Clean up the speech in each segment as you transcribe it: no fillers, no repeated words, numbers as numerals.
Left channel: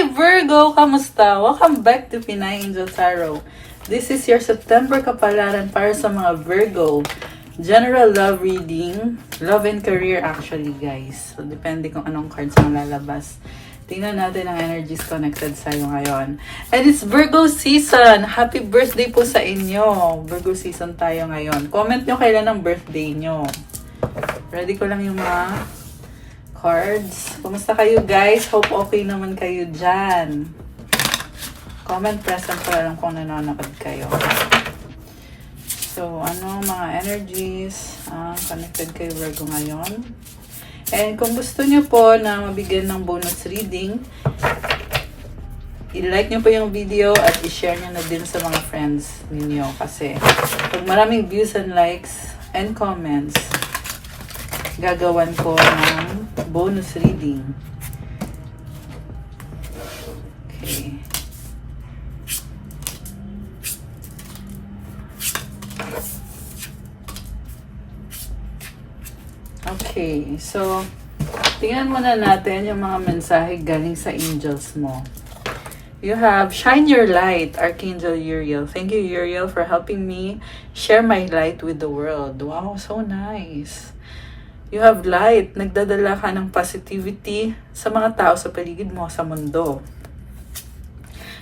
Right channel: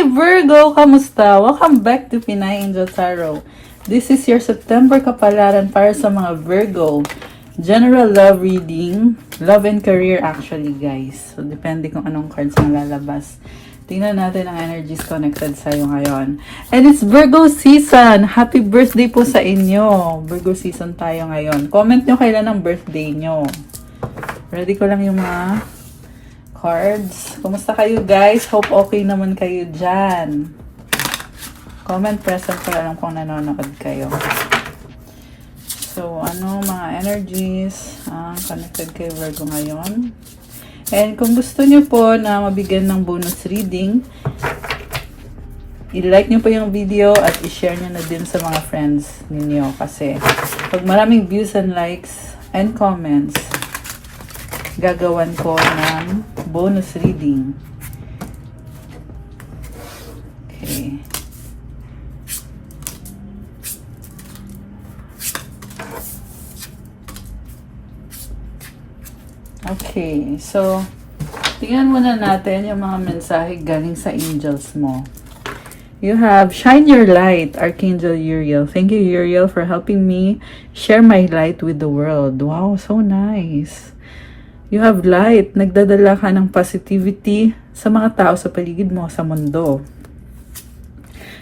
Hi Virgo! Kamusta? Welcome back to Pinay Angel Tarot. This is your September kapalaran para sa mga Virgo. General love reading. Love and career actually, guys. So, depende kung anong cards ang lalabas. Tingnan natin ang energies connected sa'yo ngayon. And it's Virgo season! Happy birthday po sa inyo! Virgo season tayo ngayon. Comment nyo kailan ang birthday nyo. Ready ko lang yung mga cards. Kumusta kayo, guys? Hope okay naman kayo dyan. Comment present kaya lang kung nanonood kayo. So, ano mga energies connected kay Virgo ngayon. And kung gusto nyo po na mabigyan ng bonus reading, i-like nyo po yung video at i-share nyo na din sa mga friends ninyo. Kasi pag maraming views and likes and comments, gagawan ko ng bonus reading. Okay. Okay, so tingnan muna natin yung mga mensahe galing sa angels mo. You have Shine Your Light, Archangel Uriel. Thank you, Uriel, for helping me share my light with the world. Wow, so nice. You have light. Nagdadala ka ng positivity sa mga tao sa paligid mo, sa mundo.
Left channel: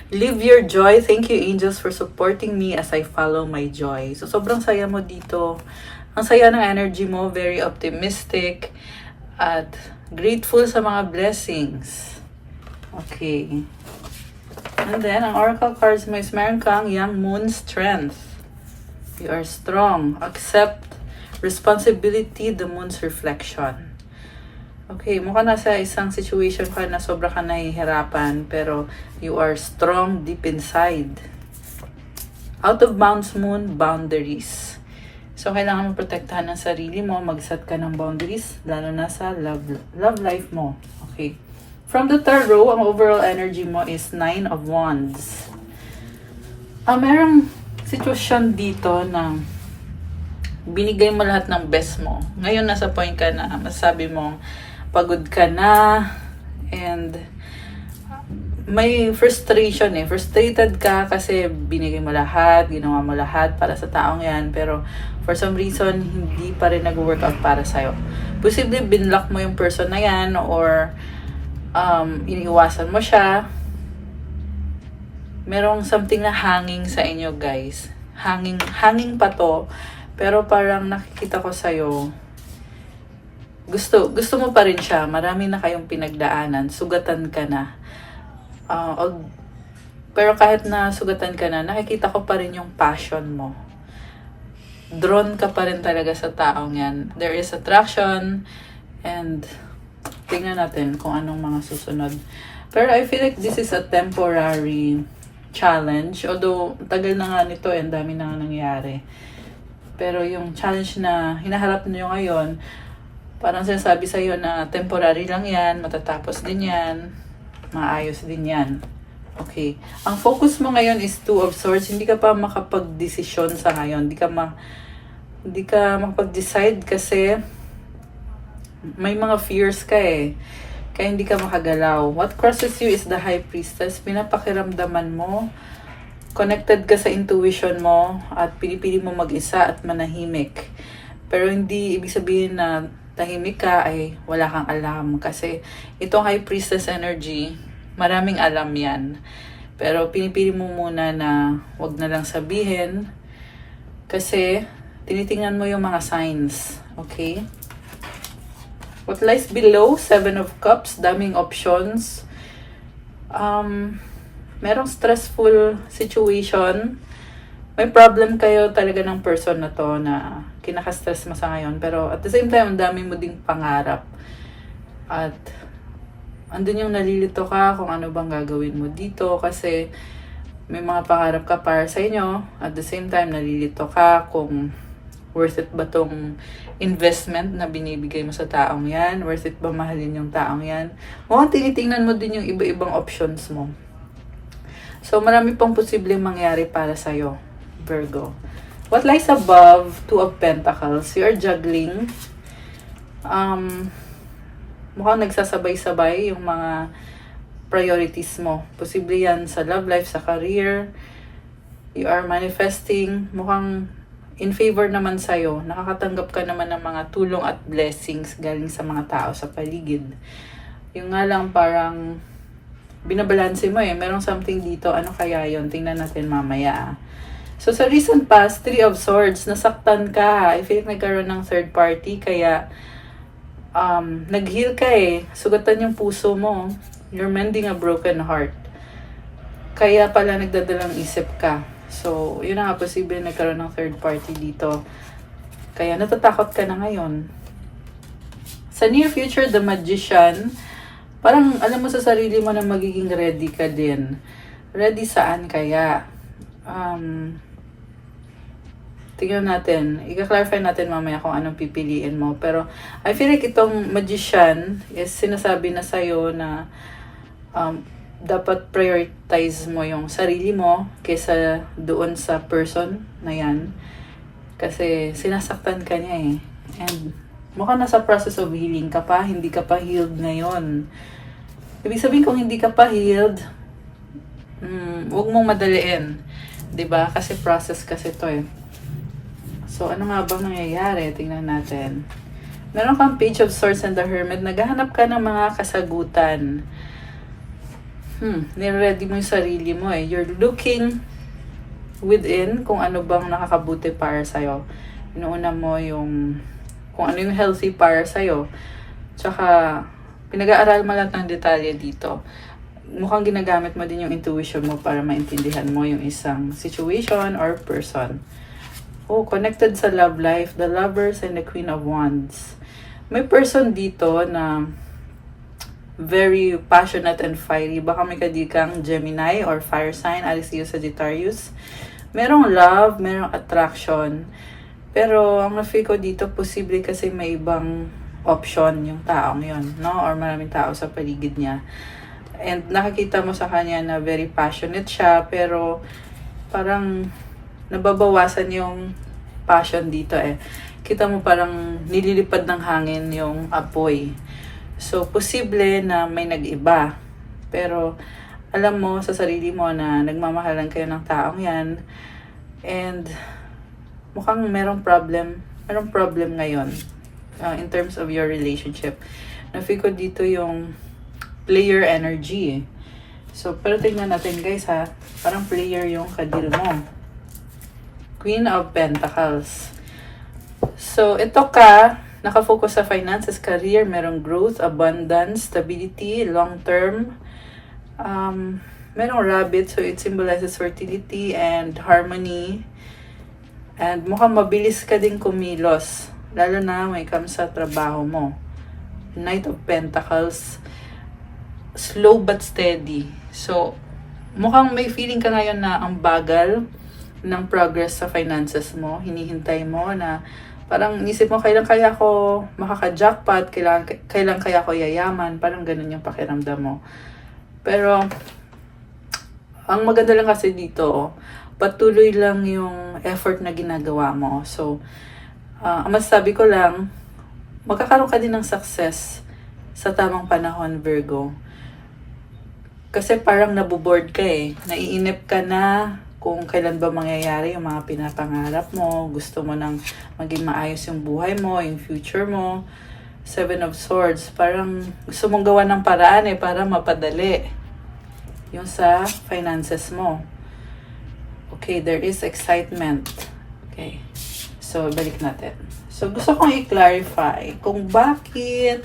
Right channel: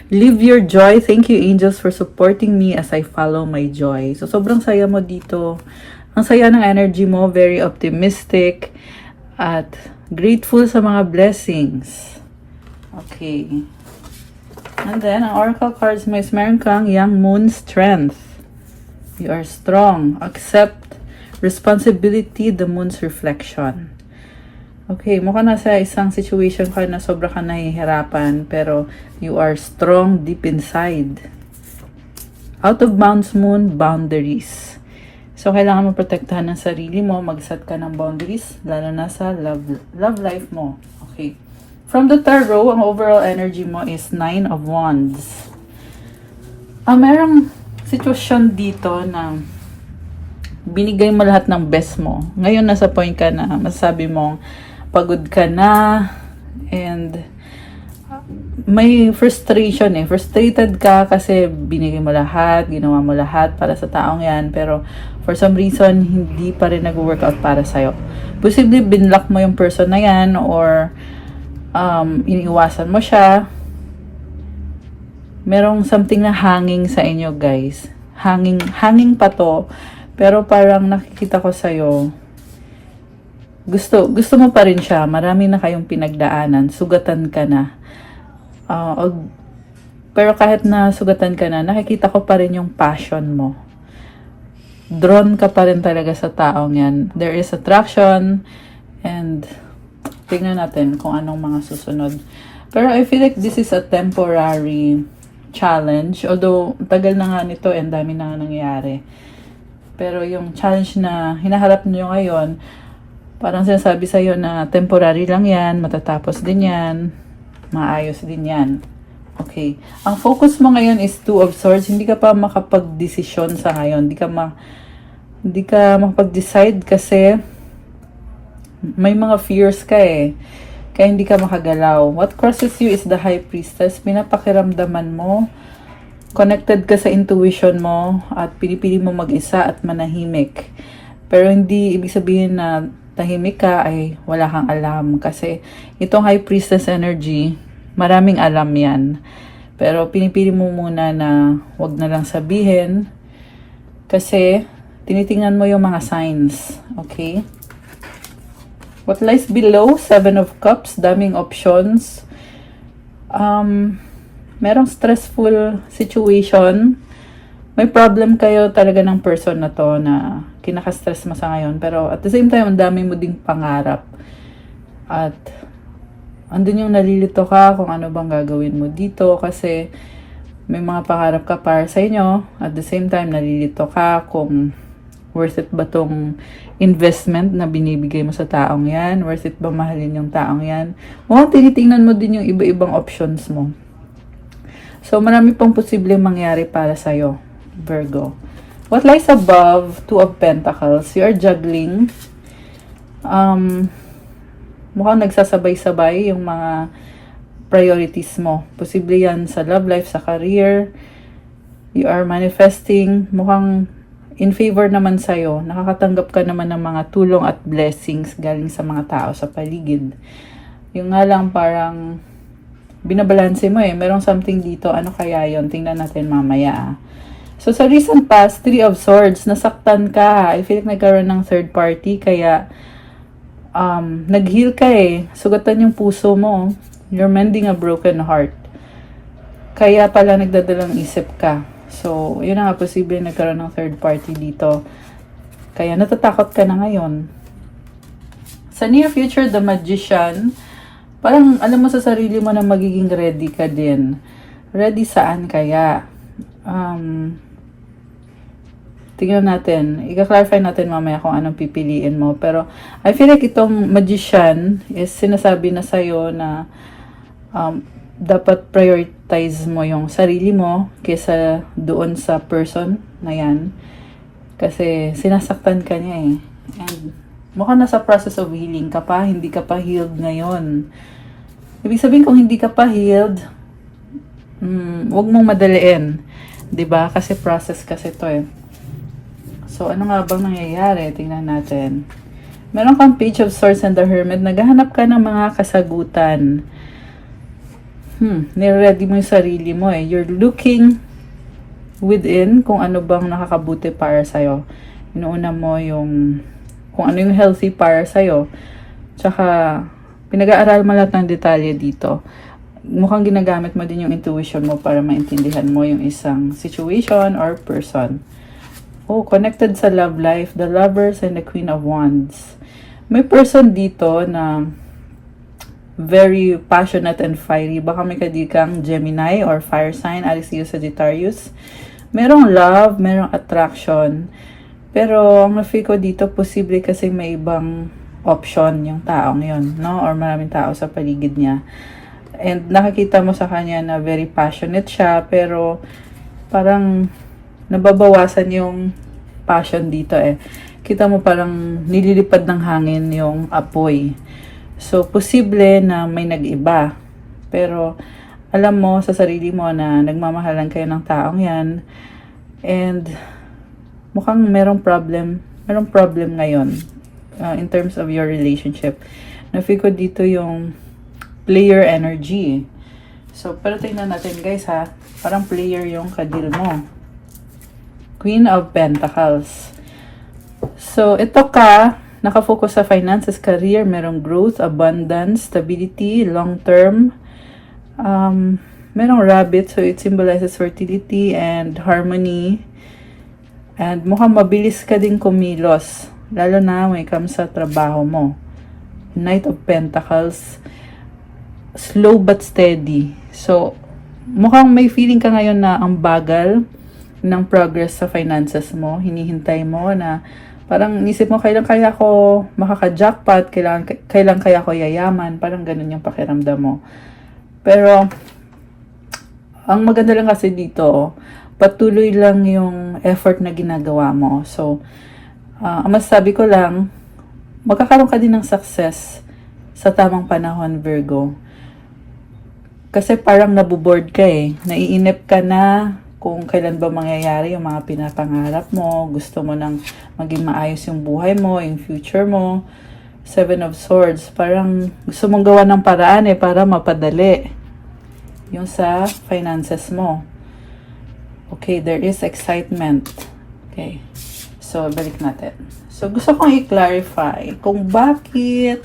Live your joy. Thank you, angels, for supporting me as I follow my joy. So, sobrang saya mo dito. Ang saya ng energy mo. Very optimistic. At grateful sa mga blessings. Okay. And then, ang oracle cards mo is meron kang Young Moon Strength. You are strong. Accept responsibility, the moon's reflection. Okay, mukhang nasa isang situation ka na sobra ka nahihirapan, pero you are strong deep inside. Out of bounds moon, boundaries. So, kailangan mo protektahan ng sarili mo, mag-set ka ng boundaries, lalo na sa love life mo. Okay. From the tarot, ang overall energy mo is 9 of Wands. Merong sitwasyon dito na binigay mo lahat ng best mo. Ngayon nasa point ka na masabi mo pagod ka na and may frustration frustrated ka kasi binigay mo lahat, ginawa mo lahat para sa taong yan, pero for some reason hindi pa rin nag-work out para sa'yo. Posible binlock mo yung person na yan or iniiwasan mo siya. Merong something na hanging sa inyo, guys. Hanging pa to. Pero parang nakikita ko sa'yo, gusto mo pa rin siya. Marami na kayong pinagdaanan. Sugatan ka na. Pero kahit na sugatan ka na, nakikita ko pa rin yung passion mo. Drawn ka pa rin talaga sa taong yan. There is attraction. And tingnan natin kung anong mga susunod. Pero I feel like this is a temporary challenge. Although, tagal na nga nito and dami na nga nangyayari. Pero yung challenge na hinaharap nyo ngayon, parang sinasabi sa'yo na temporary lang yan, matatapos din yan, maayos din yan. Okay. Ang focus mo ngayon is 2 of Swords. Hindi ka pa makapag-desisyon sa ngayon. Hindi ka makapag-decide kasi may mga fears ka Kaya hindi ka makagalaw. What crosses you is the High Priestess. Pinapakiramdaman mo. Connected ka sa intuition mo at pinipili mo mag-isa at manahimik. Pero hindi ibig sabihin na tahimik ka ay wala kang alam. Kasi itong High Priestess energy, maraming alam yan. Pero pinipili mo muna na wag na lang sabihin kasi tinitingnan mo yung mga signs. Okay? What lies below? 7 of Cups, daming options. Merong stressful situation. May problem kayo talaga ng person na to na kinaka-stress mo sa ngayon. Pero at the same time, ang dami mo ding pangarap. At andun yung nalilito ka kung ano bang gagawin mo dito. Kasi may mga pangarap ka para sa inyo. At the same time, nalilito ka kung worth it ba tong investment na binibigay mo sa taong yan? Worth it ba mahalin yung taong yan? Mukhang tinitingnan mo din yung iba-ibang options mo. So, marami pong posible mangyari para sa'yo, Virgo. What lies above? 2 of Pentacles. You are juggling. Mukhang nagsasabay-sabay yung mga priorities mo. Posible yan sa love life, sa career. You are manifesting. Mukhang in favor naman sa'yo. Nakakatanggap ka naman ng mga tulong at blessings galing sa mga tao sa paligid. Yung nga lang parang binabalanse mo eh. Merong something dito. Ano kaya yon? Tingnan natin mamaya. So, sa recent past, 3 of Swords, nasaktan ka. I feel like nagkaroon ng third party, kaya nag-heal ka eh. Sugatan yung puso mo. You're mending a broken heart. Kaya pala nagdadalang isip ka. So, yun na nga, posible nagkaroon ng third party dito. Kaya natatakot ka na ngayon. Sa near future, the Magician, parang alam mo sa sarili mo na magiging ready ka din. Ready saan kaya? Tingnan natin. I-clarify natin mamaya kung anong pipiliin mo. Pero, I feel like itong Magician is sinasabi na sa'yo na dapat prioritize mo yung sarili mo kesa doon sa person na yan. Kasi, sinasaktan ka niya eh. And, mukhang nasa process of healing ka pa. Hindi ka pa healed ngayon. Ibig sabihin kung hindi ka pa healed, huwag mong madaliin. 'Di ba? Kasi process kasi to eh. So, ano nga bang nangyayari? Tingnan natin. Meron kang Page of Swords and the Hermit. Naghahanap ka ng mga kasagutan. Nire-ready mo yung sarili mo eh. You're looking within kung ano bang nakakabuti para sa'yo. Inuuna mo yung kung ano yung healthy para sa'yo. Tsaka, pinag-aaral mo lahat ng detalye dito. Mukhang ginagamit mo din yung intuition mo para maintindihan mo yung isang situation or person. Oh, connected sa love life, the Lovers and the Queen of Wands. May person dito na very passionate and fiery. Baka may kadikang Gemini or fire sign, Aries, Leo, Sagittarius. Merong love, merong attraction. Pero ang na-feel ko dito, posible kasi may ibang option yung taong yun, no? Or maraming tao sa paligid niya. And nakakita mo sa kanya na very passionate siya, pero parang nababawasan yung passion dito eh. Kita mo parang nililipad ng hangin yung apoy. So, posible na may nag-iba. Pero, alam mo sa sarili mo na nagmamahalan kayo ng taong yan. And, mukhang merong problem. Merong problem ngayon in terms of your relationship. Na-feel ko dito yung player energy. So, pero tingnan natin guys ha. Parang player yung kadil mo. Queen of Pentacles. So, ito ka, nakafocus sa finances, career, merong growth, abundance, stability, long term. Merong rabbit, so it symbolizes fertility and harmony. And mukhang mabilis ka din kumilos. Lalo na may comes sa trabaho mo. Knight of Pentacles. Slow but steady. So, mukhang may feeling ka ngayon na ang bagal ng progress sa finances mo. Hinihintay mo na parang isip mo, kailan kaya ko makaka-jackpot, kailan kaya ko yayaman, parang ganun yung pakiramdam mo. Pero, ang maganda lang kasi dito, patuloy lang yung effort na ginagawa mo. So, ang masasabi ko lang, magkakaroon ka din ng success sa tamang panahon, Virgo. Kasi parang nabuboard ka eh. Naiinip ka na kung kailan ba mangyayari yung mga pinapangarap mo. Gusto mo nang maging maayos yung buhay mo, yung future mo. 7 of Swords. Parang gusto mong gawa ng paraan eh para mapadali yung sa finances mo. Okay, there is excitement. Okay. So, balik natin. So, gusto kong i-clarify kung bakit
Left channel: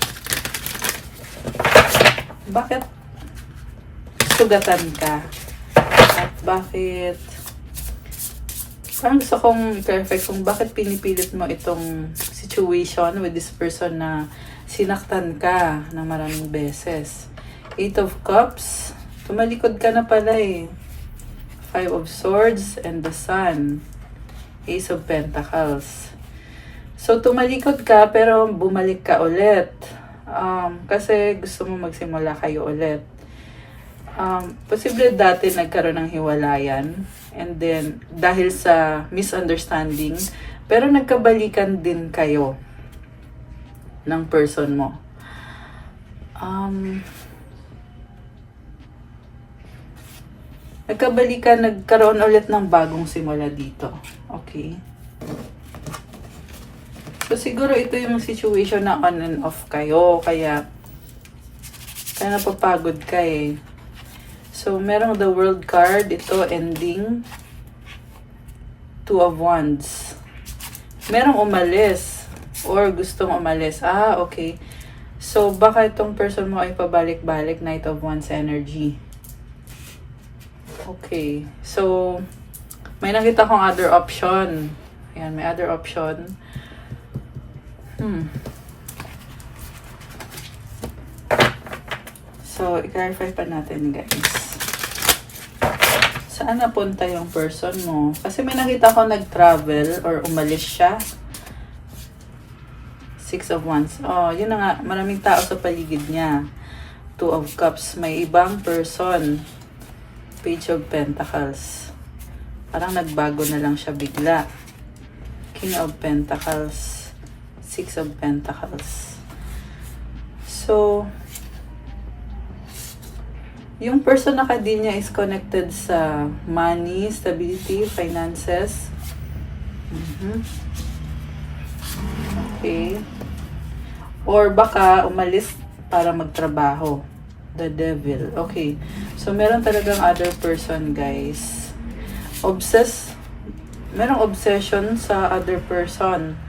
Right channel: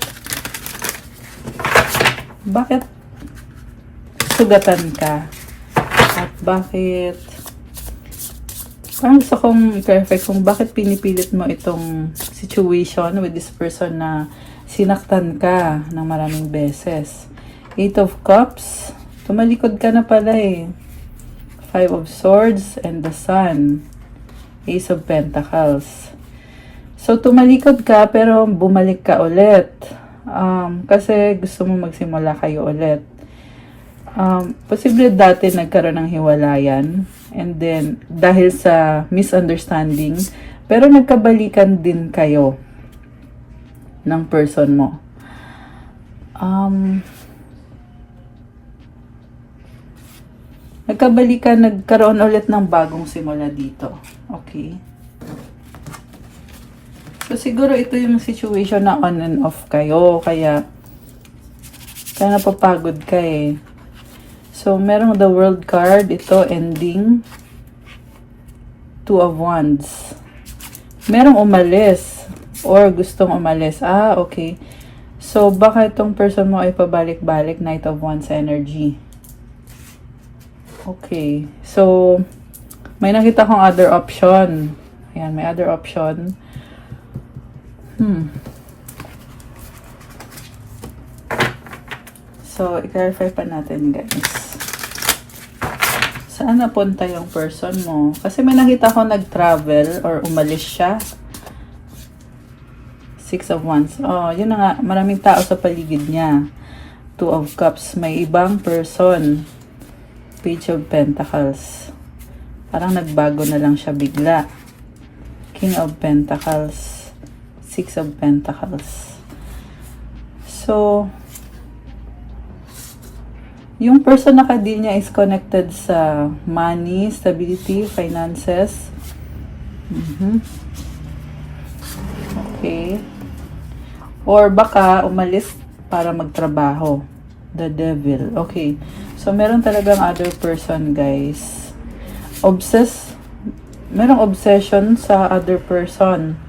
sugatan ka. Bakit parang gusto kong i-clarify kung bakit pinipilit mo itong situation with this person na sinaktan ka ng maraming beses. 8 of Cups. Tumalikod ka na pala eh. 5 of Swords and the Sun. Ace of Pentacles. So, tumalikod ka pero bumalik ka ulit. Kasi gusto mo magsimula kayo ulit. Posible dati nagkaroon ng hiwalayan. And then, dahil sa misunderstanding, pero nagkabalikan din kayo ng person mo. Nagkabalikan, nagkaroon ulit ng bagong simula dito. Okay. So, siguro ito yung situation na on and off kayo. Kaya napapagod ka eh. So, merong the world card. Ito, ending. Two of Wands. Merong umalis. Or gustong umalis. Ah, okay. So, baka itong person mo ay pabalik-balik. Knight of Wands energy. Okay. So, may nakita kong other option. Ayan, may other option. So, i-clarify pa natin, guys. Saan napunta yung person mo? Kasi may nakita ko nag-travel or umalis siya. Six of Wands. Oh, yun na nga. Maraming tao sa paligid niya. Two of Cups. May ibang person. Page of Pentacles. Parang nagbago na lang siya bigla. King of Pentacles. Six of Pentacles. So, yung person na niya is connected sa money, stability, finances. Okay. Or baka umalis para magtrabaho. The Devil. Okay. So, meron talagang other person, guys. Merong obsession sa other person.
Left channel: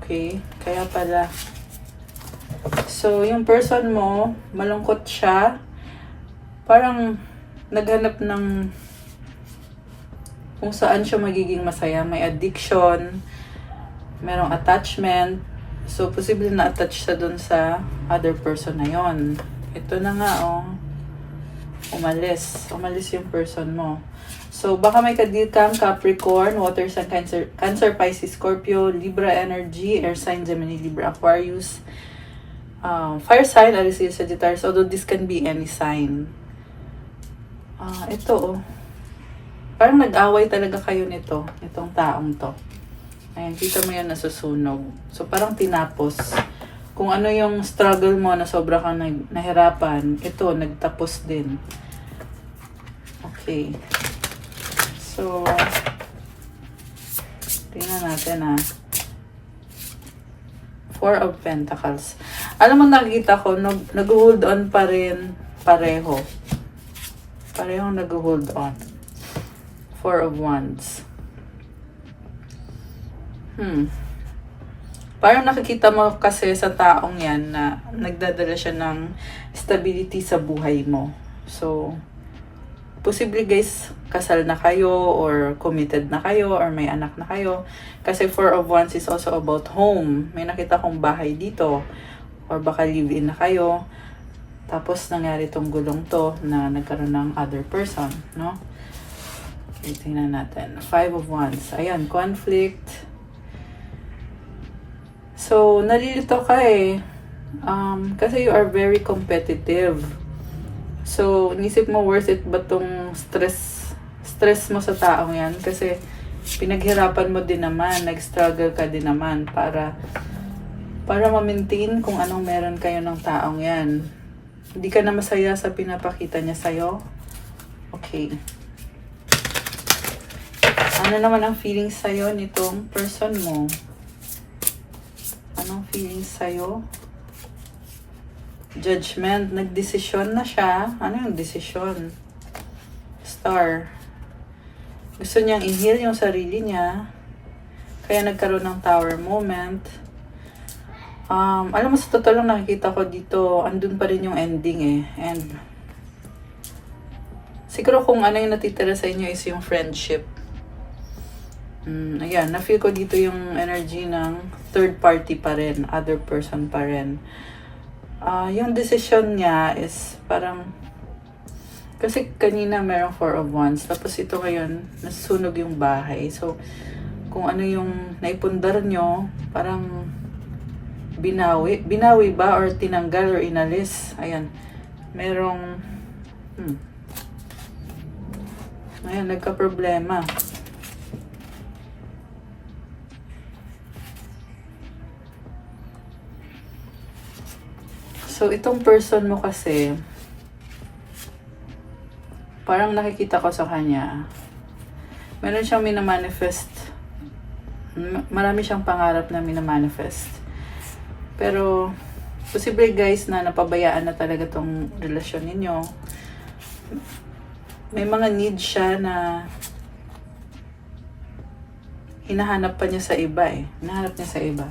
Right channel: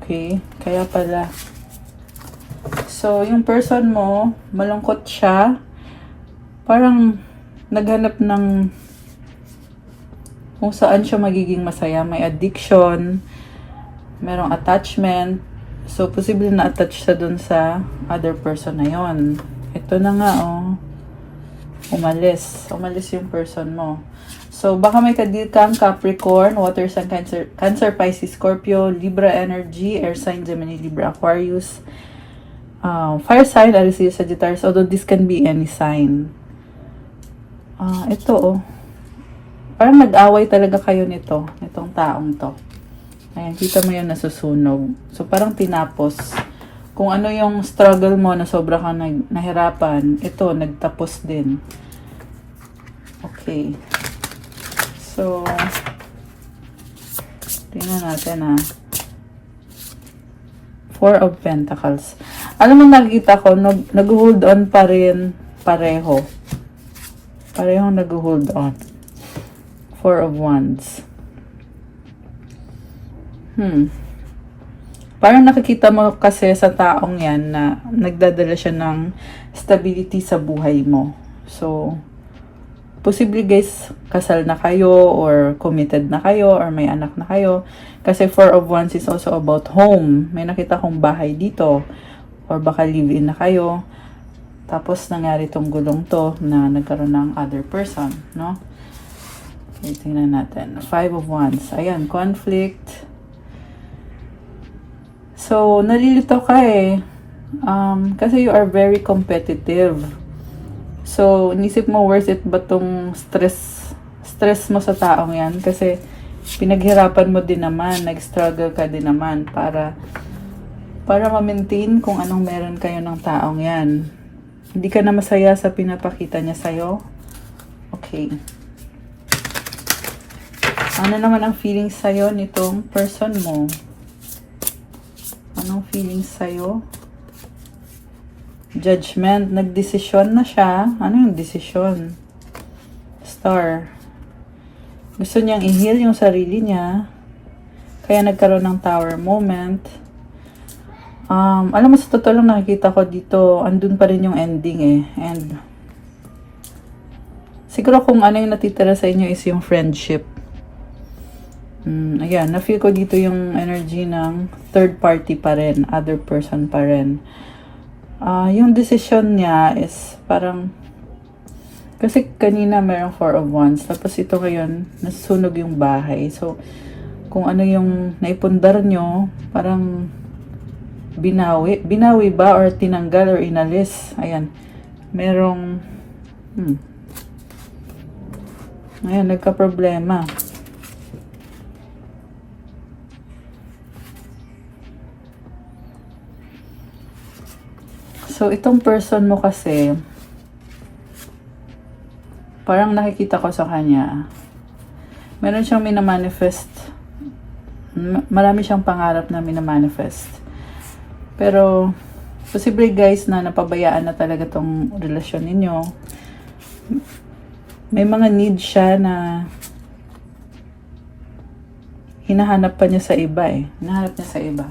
Okay. Kaya pala. So, yung person mo, malungkot siya. Parang naghanap ng kung saan siya magiging masaya. May addiction. Merong attachment. So, posible na attach siya dun sa other person na yon. Ito na nga, oh. Umalis. Umalis yung person mo. So, baka may kadikang Capricorn, water sign, Cancer, Pisces, Scorpio, Libra energy, air sign, Gemini, Libra, Aquarius, fire sign, Aries, Sagittarius, although this can be any sign. Ito, oh. Parang nag-away talaga kayo nito, itong taong to. Ayan, kita mo yun nasusunog. So, parang tinapos. Kung ano yung struggle mo na sobra kang nahirapan, ito, nagtapos din. Okay. So, tingnan natin Four of Pentacles. Alam mo, nakikita ko, nag-hold on pa rin pareho. Parehong nag-hold on. Four of Wands. Parang nakikita mo kasi sa taong yan na nagdadala siya ng stability sa buhay mo. So, posible guys, kasal na kayo or committed na kayo or may anak na kayo. Kasi Four of Wands is also about home. May nakita kong bahay dito. Or baka live-in na kayo. Tapos nangyari tong gulong to na nagkaroon ng other person, no? Okay, tingnan natin. Five of Wands. Ayan, conflict. So, nalilito ka eh. Kasi you are very competitive. So, nisip mo worth it ba tong stress mo sa taong yan? Kasi, pinaghirapan mo din naman, nag-struggle ka din naman para ma-maintain kung anong meron kayo ng taong yan. Hindi ka na masaya sa pinapakita niya sa'yo? Okay. Ano naman ang feelings sa'yo nitong person mo? Anong feelings sa'yo? Judgment. Nagdesisyon na siya. Ano yung desisyon? Star. Gusto niyang i-heal yung sarili niya. Kaya nagkaroon ng tower moment. Alam mo, sa totoo lang nakikita ko dito, andun pa rin yung ending eh. And siguro kung ano yung natitira sa inyo is yung friendship. Ayan, na-feel ko dito yung energy ng third party pa rin, other person pa rin. Yung decision niya is parang, kasi kanina mayroong Four of Wands, tapos ito ngayon, nasusunog yung bahay. So, kung ano yung naipundar nyo, parang binawi ba or tinanggal or inalis. Ayan, merong, ayan, nagka-problema. So, itong person mo kasi, Parang nakikita ko sa kanya, meron siyang minamanifest. Marami siyang pangarap na minamanifest. Pero, posible guys na napabayaan na talaga tong relasyon ninyo. May mga need siya na hinahanap pa niya sa iba eh. Hinahanap niya sa iba.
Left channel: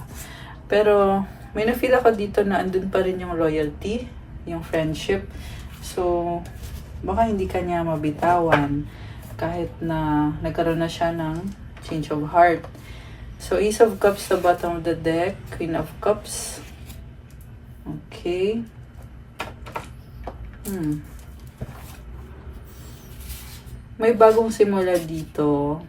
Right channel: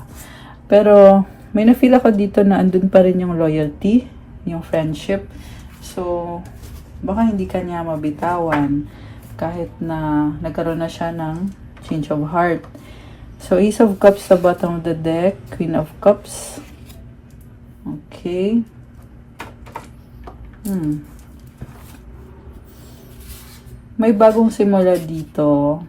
Pero, may na-feel ako dito na andun pa rin yung loyalty, yung friendship. So, baka hindi ka niya mabitawan kahit na nagkaroon na siya ng change of heart. So, Ace of Cups sa bottom of the deck, Queen of Cups. Okay. May bagong simula dito.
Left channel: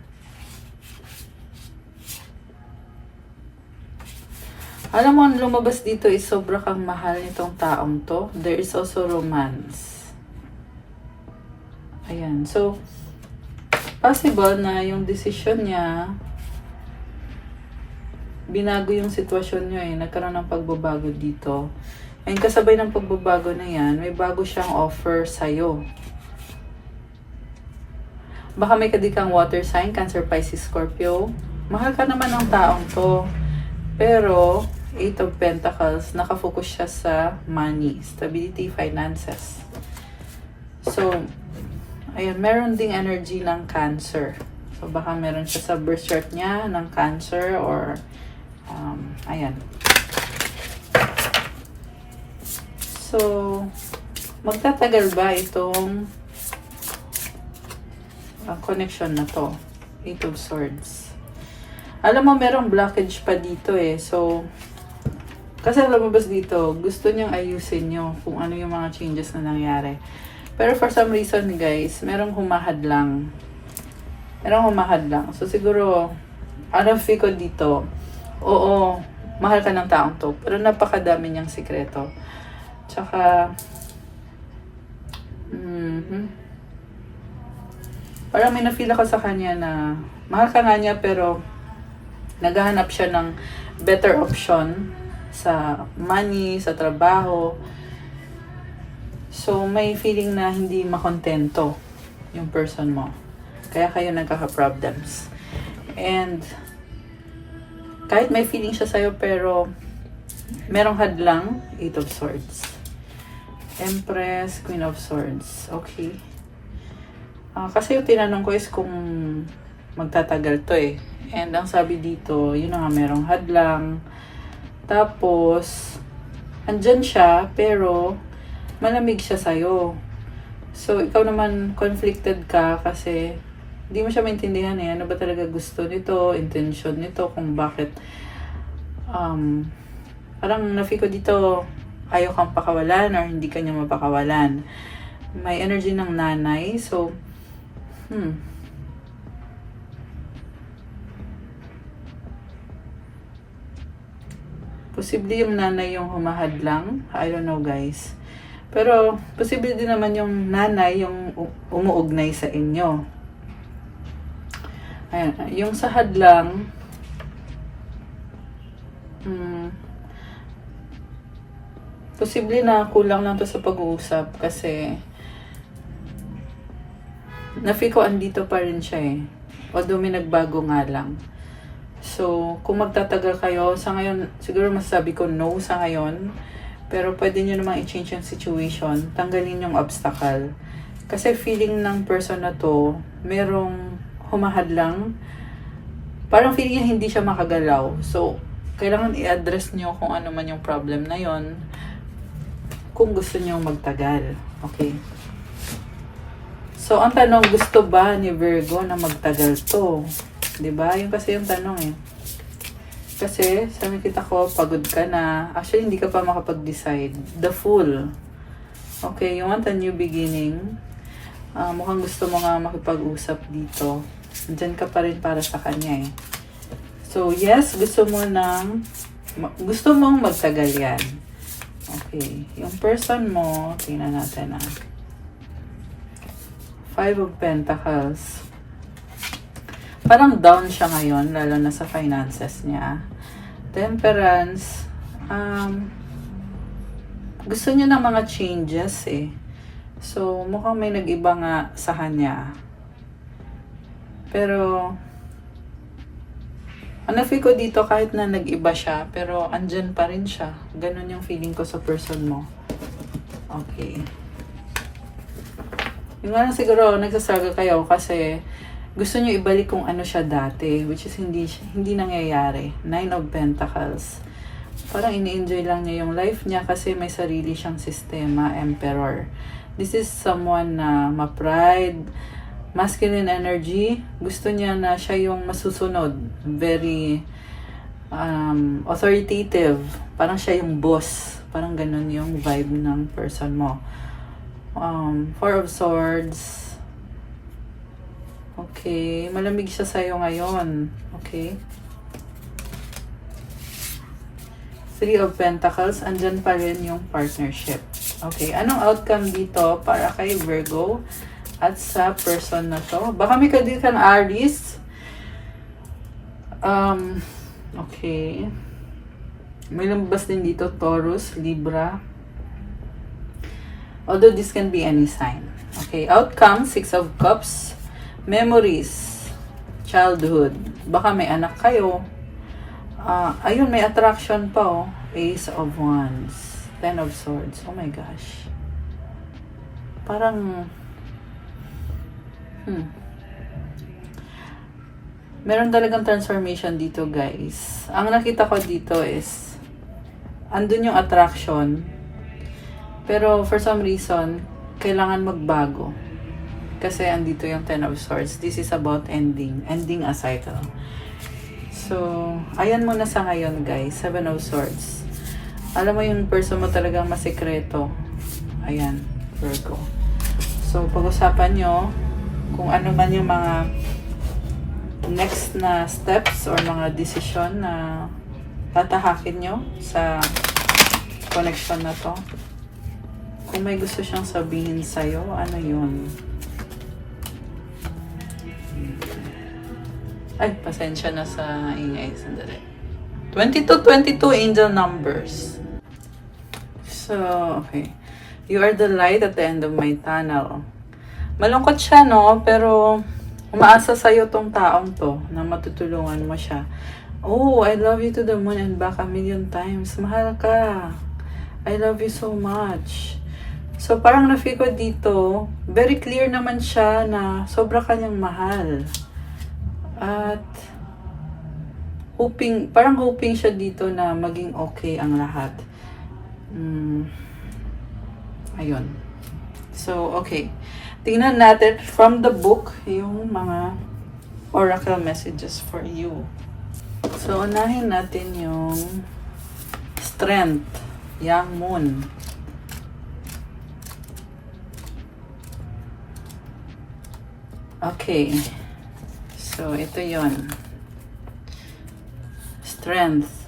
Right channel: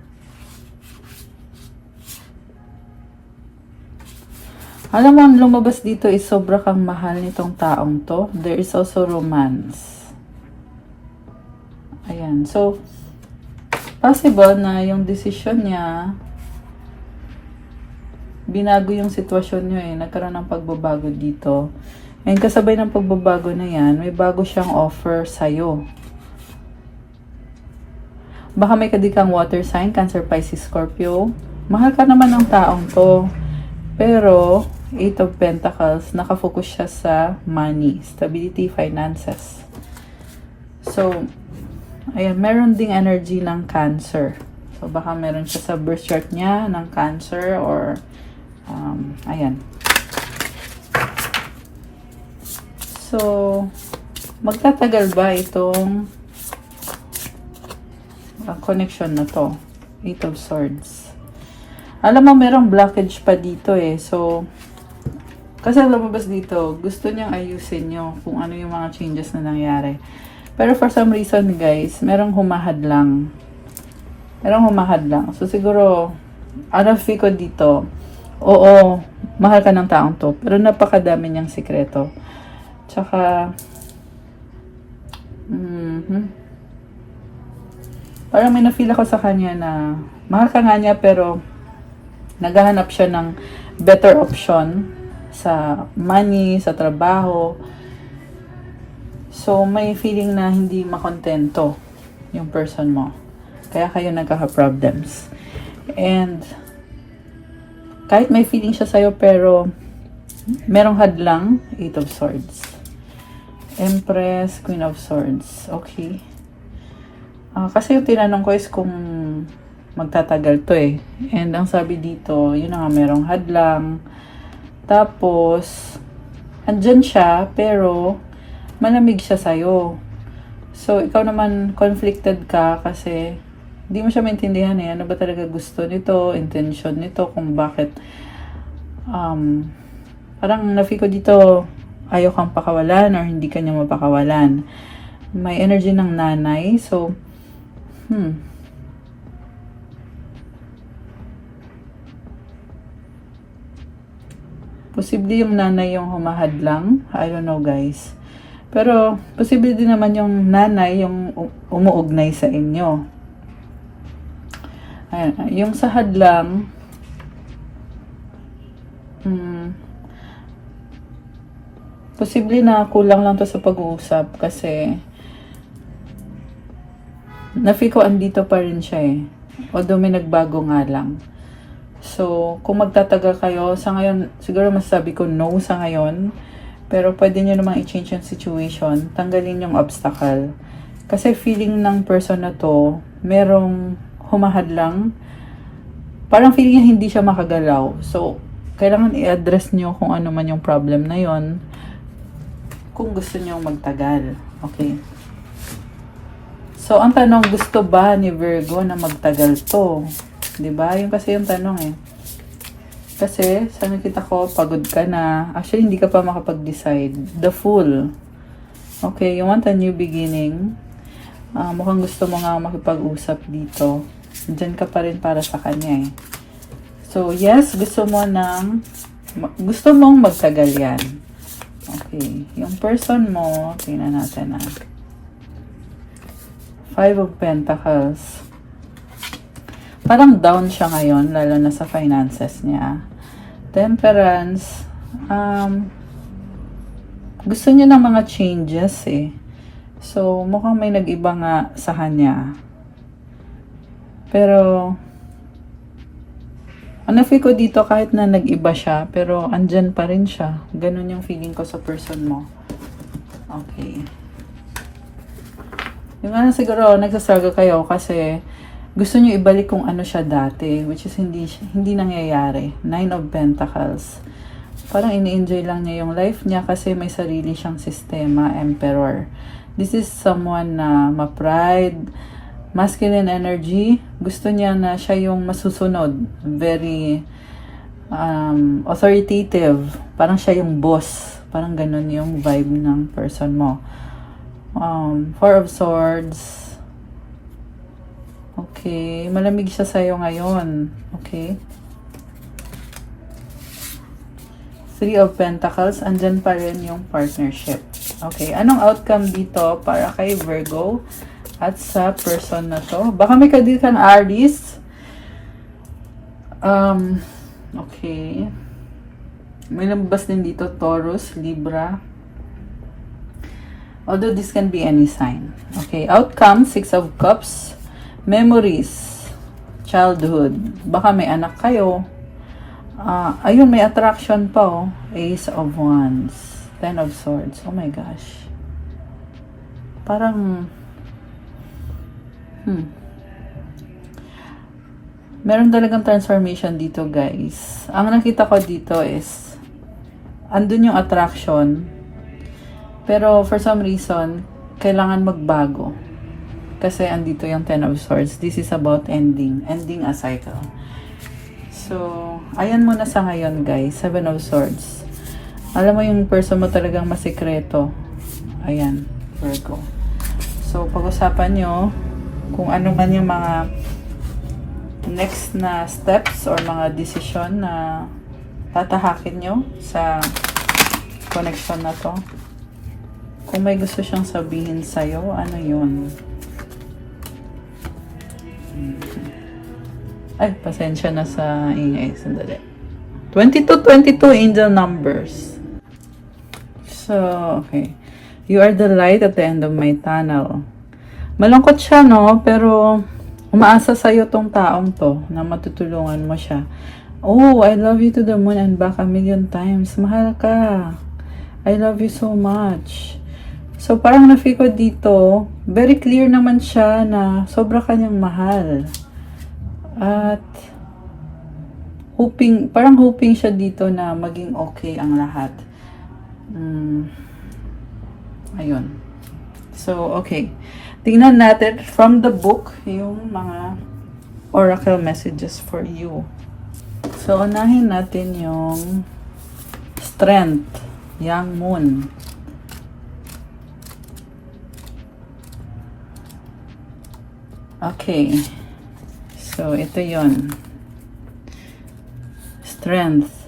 Alam mo, ang lumabas dito is sobra kang mahal nitong taong to. There is also romance. Ayan. So, possible na yung decision niya, binago yung sitwasyon niyo eh. Nagkaroon ng pagbabago dito. And kasabay ng pagbabago na yan, may bago siyang offer sa'yo. Baka may kadikang water sign, Cancer, Pisces, Scorpio. Mahal ka naman ng taong to. Pero, 8 of Pentacles, nakafocus siya sa money, stability, finances. So, ayan, meron ding energy ng Cancer. So, baka meron siya sa birth chart niya ng Cancer or ayan. So, magtatagal ba itong connection na to? 8 of Swords. Alam mo, merong blockage pa dito eh. So, kasi lumabas dito, gusto niyang ayusin niyo kung ano yung mga changes na nangyari. Pero for some reason, guys, merong humahad lang. Merong humahad lang. So, siguro, ano feel ko dito, oo, mahal ka ng taong to. Pero napakadami niyang sikreto. Tsaka, parang may na-feel ako sa kanya na mahal ka nga niya pero naghahanap siya ng better option sa money, sa trabaho. So, may feeling na hindi makontento yung person mo. Kaya kayo nagkaka-problems. And, kahit may feeling siya sa'yo pero merong hadlang, 8 of Swords. Empress, Queen of Swords. Okay. Kasi yung tinanong ko is kung magtatagal to eh. And ang sabi dito, yun na nga, merong hadlang. Tapos, andyan siya, pero malamig siya sa'yo. So, ikaw naman conflicted ka kasi hindi mo siya maintindihan eh. Ano ba talaga gusto nito, intention nito, kung bakit parang na-feel ko dito ayaw kang pakawalan or hindi ka niya mapakawalan. May energy ng nanay. So, posible yung nanay yung humahad lang. I don't know, guys. Pero, posible din naman yung nanay yung umuugnay sa inyo. Ayan. Yung sa hadlang, posible na kulang lang to sa pag-uusap kasi na-feel ko andito pa rin siya eh. Although may nagbago nga lang. So, kung magtatagal kayo, sa ngayon, siguro masasabi ko no sa ngayon. Pero pwede nyo namang i-change yung situation. Tanggalin yung obstacle. Kasi feeling ng person na to, merong humahad lang. Parang feeling niya hindi siya makagalaw. So, kailangan i-address nyo kung ano man yung problem na yon kung gusto nyo magtagal. Okay. So, ang tanong, gusto ba ni Virgo na magtagal to? Diba? Yung kasi yung tanong eh. Kasi, sa nakita ko, pagod ka na. Actually, hindi ka pa makapag-decide. The Fool. Okay, you want a new beginning. Mukhang gusto mo nga makipag-usap dito. Diyan ka pa rin para sa kanya eh. So, yes, gusto mong magtagal yan. Okay, yung person mo, tingnan natin 5 of Pentacles. Parang down siya ngayon, lalo na sa finances niya. Temperance. Gusto niya ng mga changes eh. So, mukhang may nag-iba nga sa kanya. Pero, ano feel ko dito kahit na nag-iba siya, pero andyan pa rin siya. Ganun yung feeling ko sa person mo. Okay. Yung ano siguro, nagsastruggle kayo kasi gusto nyo ibalik kung ano siya dati, which is hindi nangyayari. 9 of Pentacles. Parang ini-enjoy lang niya yung life niya kasi may sarili siyang sistema, Emperor. This is someone na ma-pride, masculine energy. Gusto niya na siya yung masusunod. Very authoritative. Parang siya yung boss. Parang ganun yung vibe ng person mo. Four of Swords. Okay. Malamig siya sa'yo ngayon. Okay. Three of Pentacles. Andyan pa rin yung partnership. Okay. Anong outcome dito para kay Virgo at sa person na to? Baka may kadil kang Aries. Okay. May nabas din dito Taurus, Libra. Although this can be any sign. Okay. Outcome, Six of Cups. Memories. Childhood. Baka may anak kayo. Ayun, may attraction pa oh. Ace of Wands. Ten of Swords. Oh my gosh. Parang meron talagang transformation dito, guys. Ang nakita ko dito is andun yung attraction. Pero for some reason, kailangan magbago. Kasi andito yung Ten of Swords. This is about ending a cycle. So, ayan muna sa ngayon, guys. Seven of Swords. Alam mo yung person mo talagang masikreto. Ayan, Virgo. So, pag-usapan nyo kung ano man yung mga next na steps or mga decision na tatahakin nyo sa connection na to. Kung may gusto siyang sabihin sa'yo, ano yun? Ay, pasensya na sa ingay. Sandali. 22 angel numbers. So, okay. You are the light at the end of my tunnel. Malungkot siya, no? Pero, umaasa sa'yo tong taong to na matutulungan mo siya. Oh, I love you to the moon and back a million times. Mahal ka. I love you so much. So, parang na-feel ko dito, very clear naman siya na sobra kanyang mahal. At, parang hoping siya dito na maging okay ang lahat. Ayun. So, okay. Tingnan natin from the book yung mga oracle messages for you. So, unahin natin yung strength, young moon. Okay. So, ito yon. Strength.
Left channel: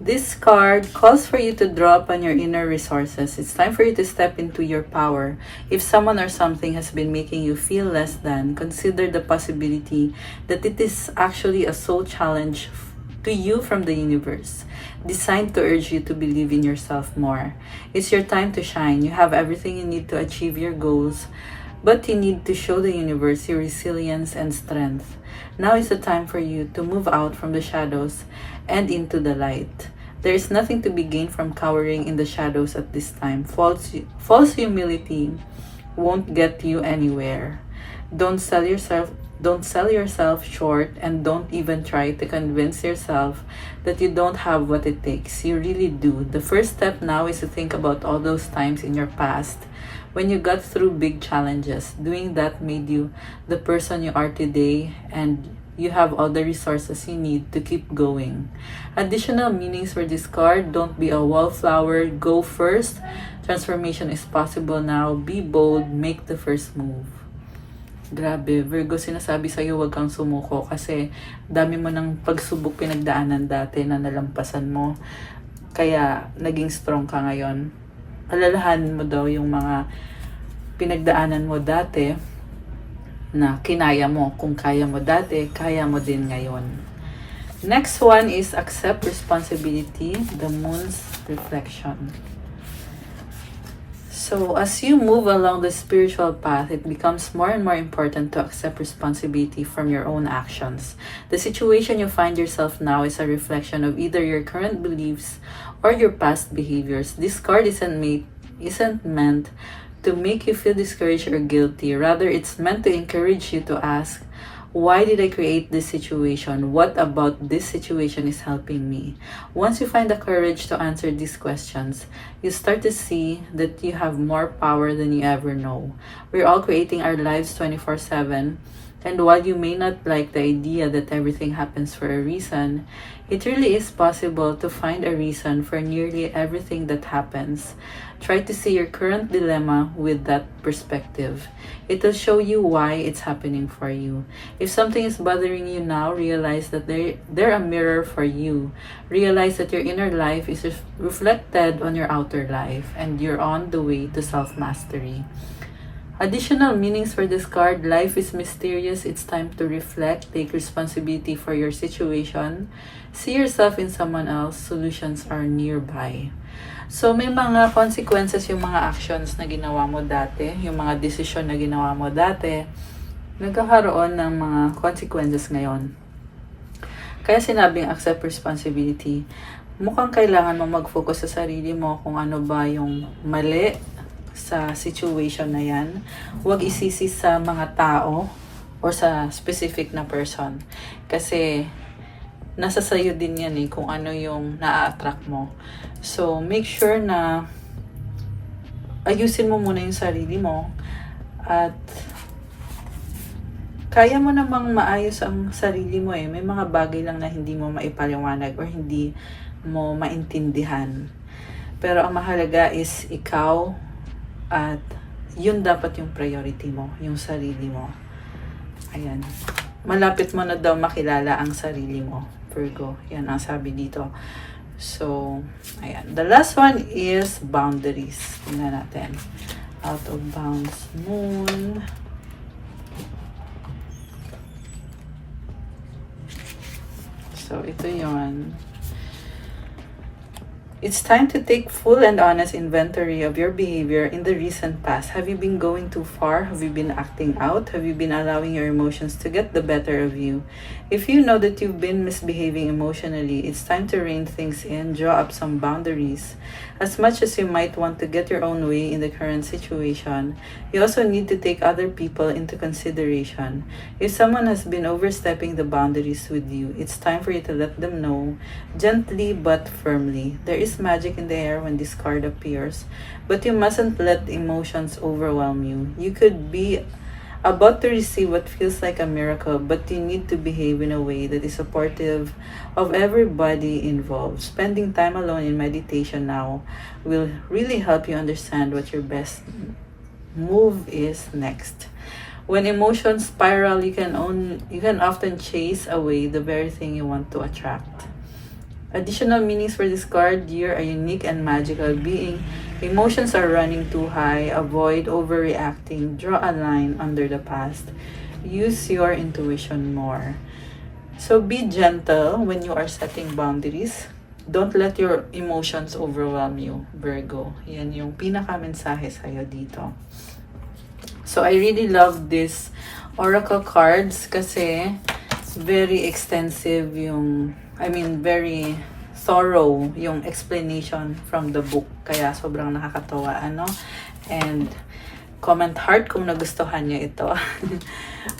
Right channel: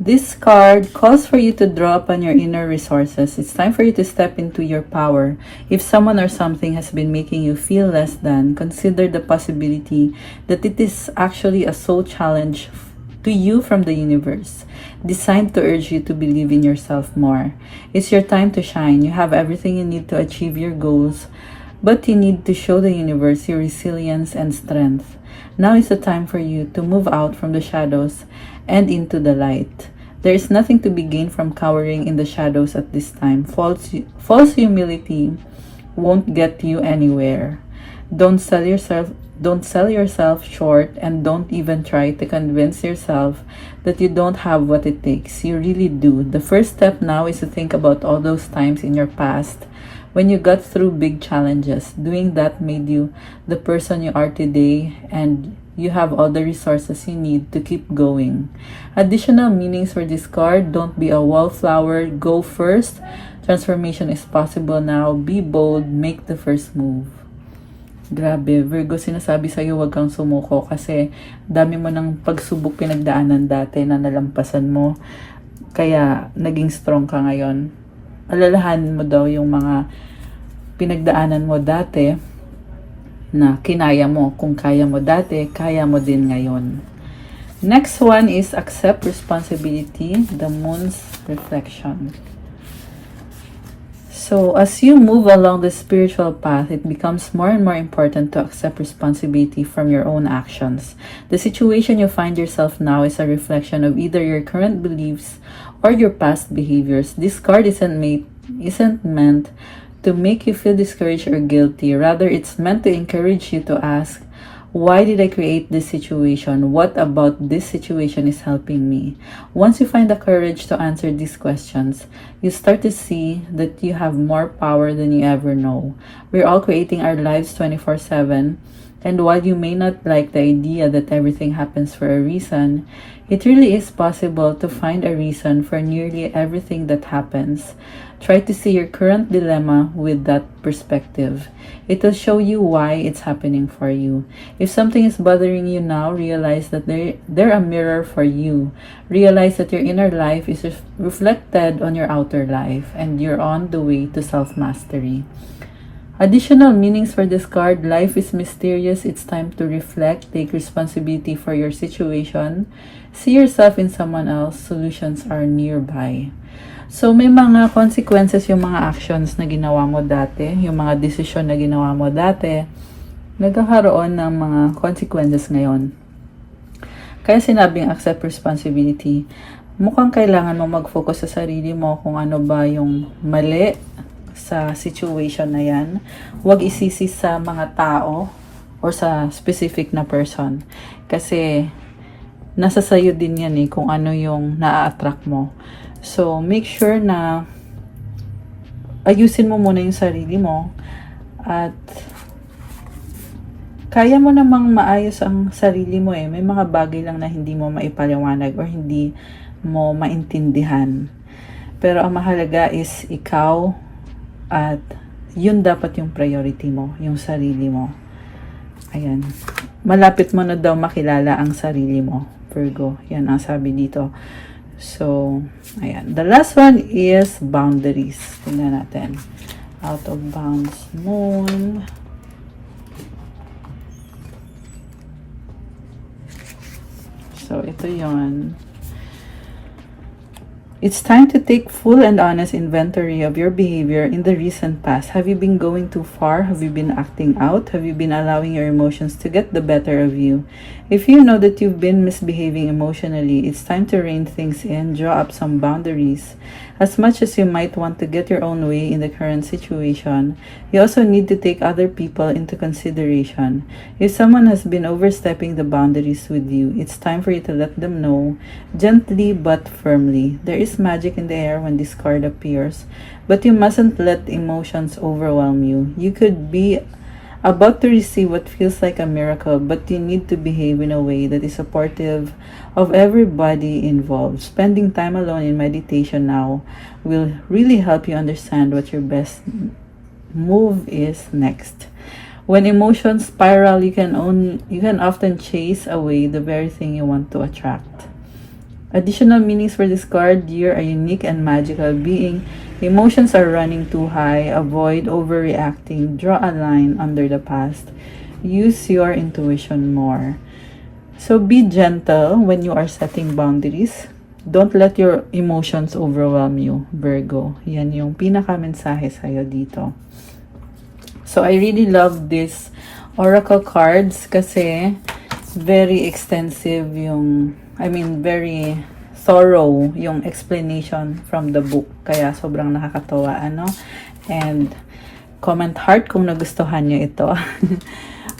This card calls for you to draw upon your inner resources. It's time for you to step into your power. If someone or something has been making you feel less than, consider the possibility that it is actually a soul challenge to you from the universe, designed to urge you to believe in yourself more. It's your time to shine. You have everything you need to achieve your goals, but you need to show the universe your resilience and strength. Now is the time for you to move out from the shadows and into the light. There is nothing to be gained from cowering in the shadows at this time. False humility won't get you anywhere. Don't sell yourself short, and don't even try to convince yourself that you don't have what it takes. You really do. The first step now is to think about all those times in your past when you got through big challenges. Doing that made you the person you are today, and you have all the resources you need to keep going. Additional meanings for this card: don't be a wallflower, go first. Transformation is possible now. Be bold, make the first move. Grabe, Virgo, sinasabi sa'yo huwag kang sumuko kasi dami mo ng pagsubok pinagdaanan dati na nalampasan mo. Kaya naging strong ka ngayon. Alalahanin mo daw yung mga pinagdaanan mo dati na kinaya mo. Kung kaya mo dati, kaya mo din ngayon. Next one is accept responsibility, the moon's reflection. So, as you move along the spiritual path, it becomes more and more important to accept responsibility from your own actions. The situation you find yourself now is a reflection of either your current beliefs or your past behaviors. This card isn't meant to make you feel discouraged or guilty. Rather, it's meant to encourage you to ask, why did I create this situation? What about this situation is helping me? Once you find the courage to answer these questions, you start to see that you have more power than you ever know. We're all creating our lives 24/7. And while you may not like the idea that everything happens for a reason, it really is possible to find a reason for nearly everything that happens. Try to see your current dilemma with that perspective. It will show you why it's happening for you. If something is bothering you now, realize that they're a mirror for you. Realize that your inner life is reflected on your outer life, and you're on the way to self-mastery. Additional meanings for this card: life is mysterious. It's time to reflect, take responsibility for your situation, see yourself in someone else, solutions are nearby. So, may mga consequences yung mga actions na ginawa mo dati, yung mga desisyon na ginawa mo dati, nagkakaroon ng mga consequences ngayon. Kaya sinabing accept responsibility. Mukhang kailangan mo mag-focus sa sarili mo kung ano ba yung mali sa situation na yan. Huwag isisi sa mga tao or sa specific na person. Kasi nasa sayo din yan kung ano yung na-attract mo. So, make sure na ayusin mo muna yung sarili mo at kaya mo namang maayos ang sarili mo May mga bagay lang na hindi mo maipaliwanag or hindi mo maintindihan. Pero ang mahalaga is ikaw at yun dapat yung priority mo, yung sarili mo. Ayan. Malapit mo na daw makilala ang sarili mo, Virgo. Yan ang sabi dito. So, ayan. The last one is boundaries. Tingnan natin. Out of bounds moon. So, ito yun. It's time to take full and honest inventory of your behavior in the recent past. Have you been going too far? Have you been acting out? Have you been allowing your emotions to get the better of you? If you know that you've been misbehaving emotionally, it's time to rein things in, draw up some boundaries. As much as you might want to get your own way in the current situation, you also need to take other people into consideration. If someone has been overstepping the boundaries with you, it's time for you to let them know, gently but firmly. There is magic in the air when this card appears, but you mustn't let emotions overwhelm you. You could be about to receive what feels like a miracle, but you need to behave in a way that is supportive of everybody involved. Spending time alone in meditation now will really help you understand what your best move is next. When emotions spiral, you can often chase away the very thing you want to attract. Additional meanings for this card: you're a unique and magical being. Emotions are running too high. Avoid overreacting. Draw a line under the past. Use your intuition more. So be gentle when you are setting boundaries. Don't let your emotions overwhelm you, Virgo. Yan yung pinaka-mensahe sa'yo dito. So I really love this oracle cards kasi very extensive very thorough yung explanation from the book. Kaya sobrang nakakatawa, And comment heart kung nagustuhan nyo ito.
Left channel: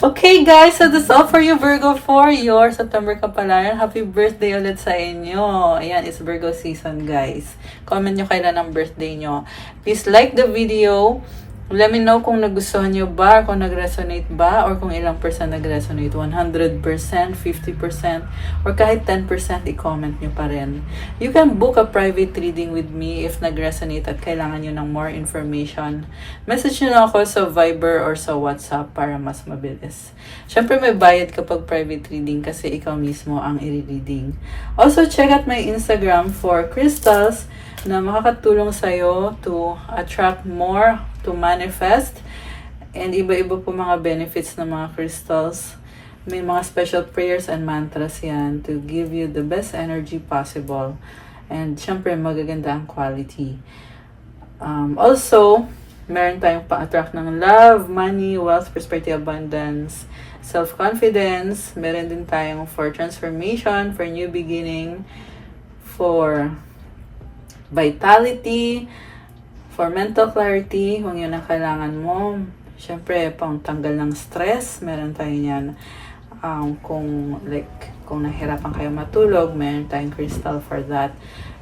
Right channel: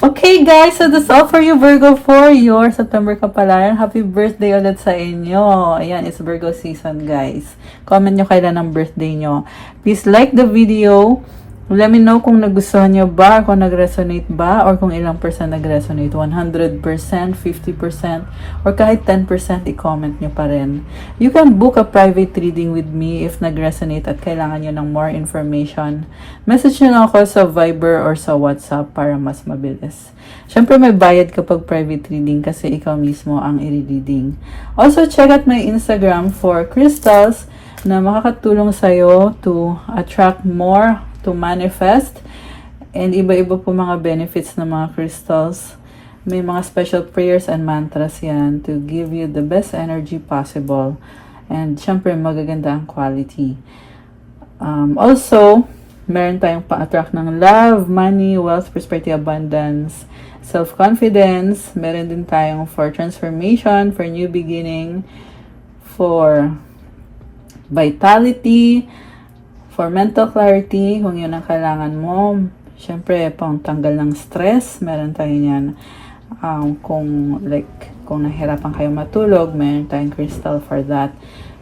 Okay, guys, so that's all for you, Virgo, for your September kapalaran. Happy birthday ulit sa inyo. Ayan, it's Virgo season, guys. Comment nyo kailan ang birthday nyo. Please like the video. Let me know kung nagustuhan nyo ba, kung nag-resonate ba, or kung ilang percent nag-resonate. 100%, 50%, or kahit 10% i-comment nyo pa rin. You can book a private reading with me if nag-resonate at kailangan nyo ng more information. Message nyo lang ako sa Viber or sa WhatsApp para mas mabilis. Syempre may bayad kapag private reading kasi ikaw mismo ang i-reading. Also, check out my Instagram for crystals na makakatulong sa'yo to attract more, to manifest, and iba-iba po mga benefits ng mga crystals. May mga special prayers and mantras yan to give you the best energy possible, and syempre magaganda ang quality. Also, meron tayong pa-attract ng love, money, wealth, prosperity, abundance, self-confidence. Meron din tayong for transformation, for new beginning, for vitality, for mental clarity, kung yun ang kailangan mo. Siyempre, pang tanggal ng stress, meron tayo yan. Kung nahirapan kayo matulog, meron tayong crystal for that.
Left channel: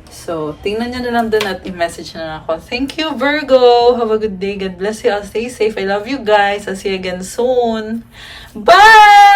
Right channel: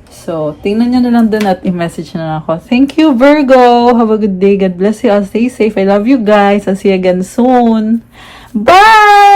So, tingnan nyo na lang dun at i-message na lang ako. Thank you, Virgo! Have a good day. God bless you all. Stay safe. I love you guys. I'll see you again soon. Bye!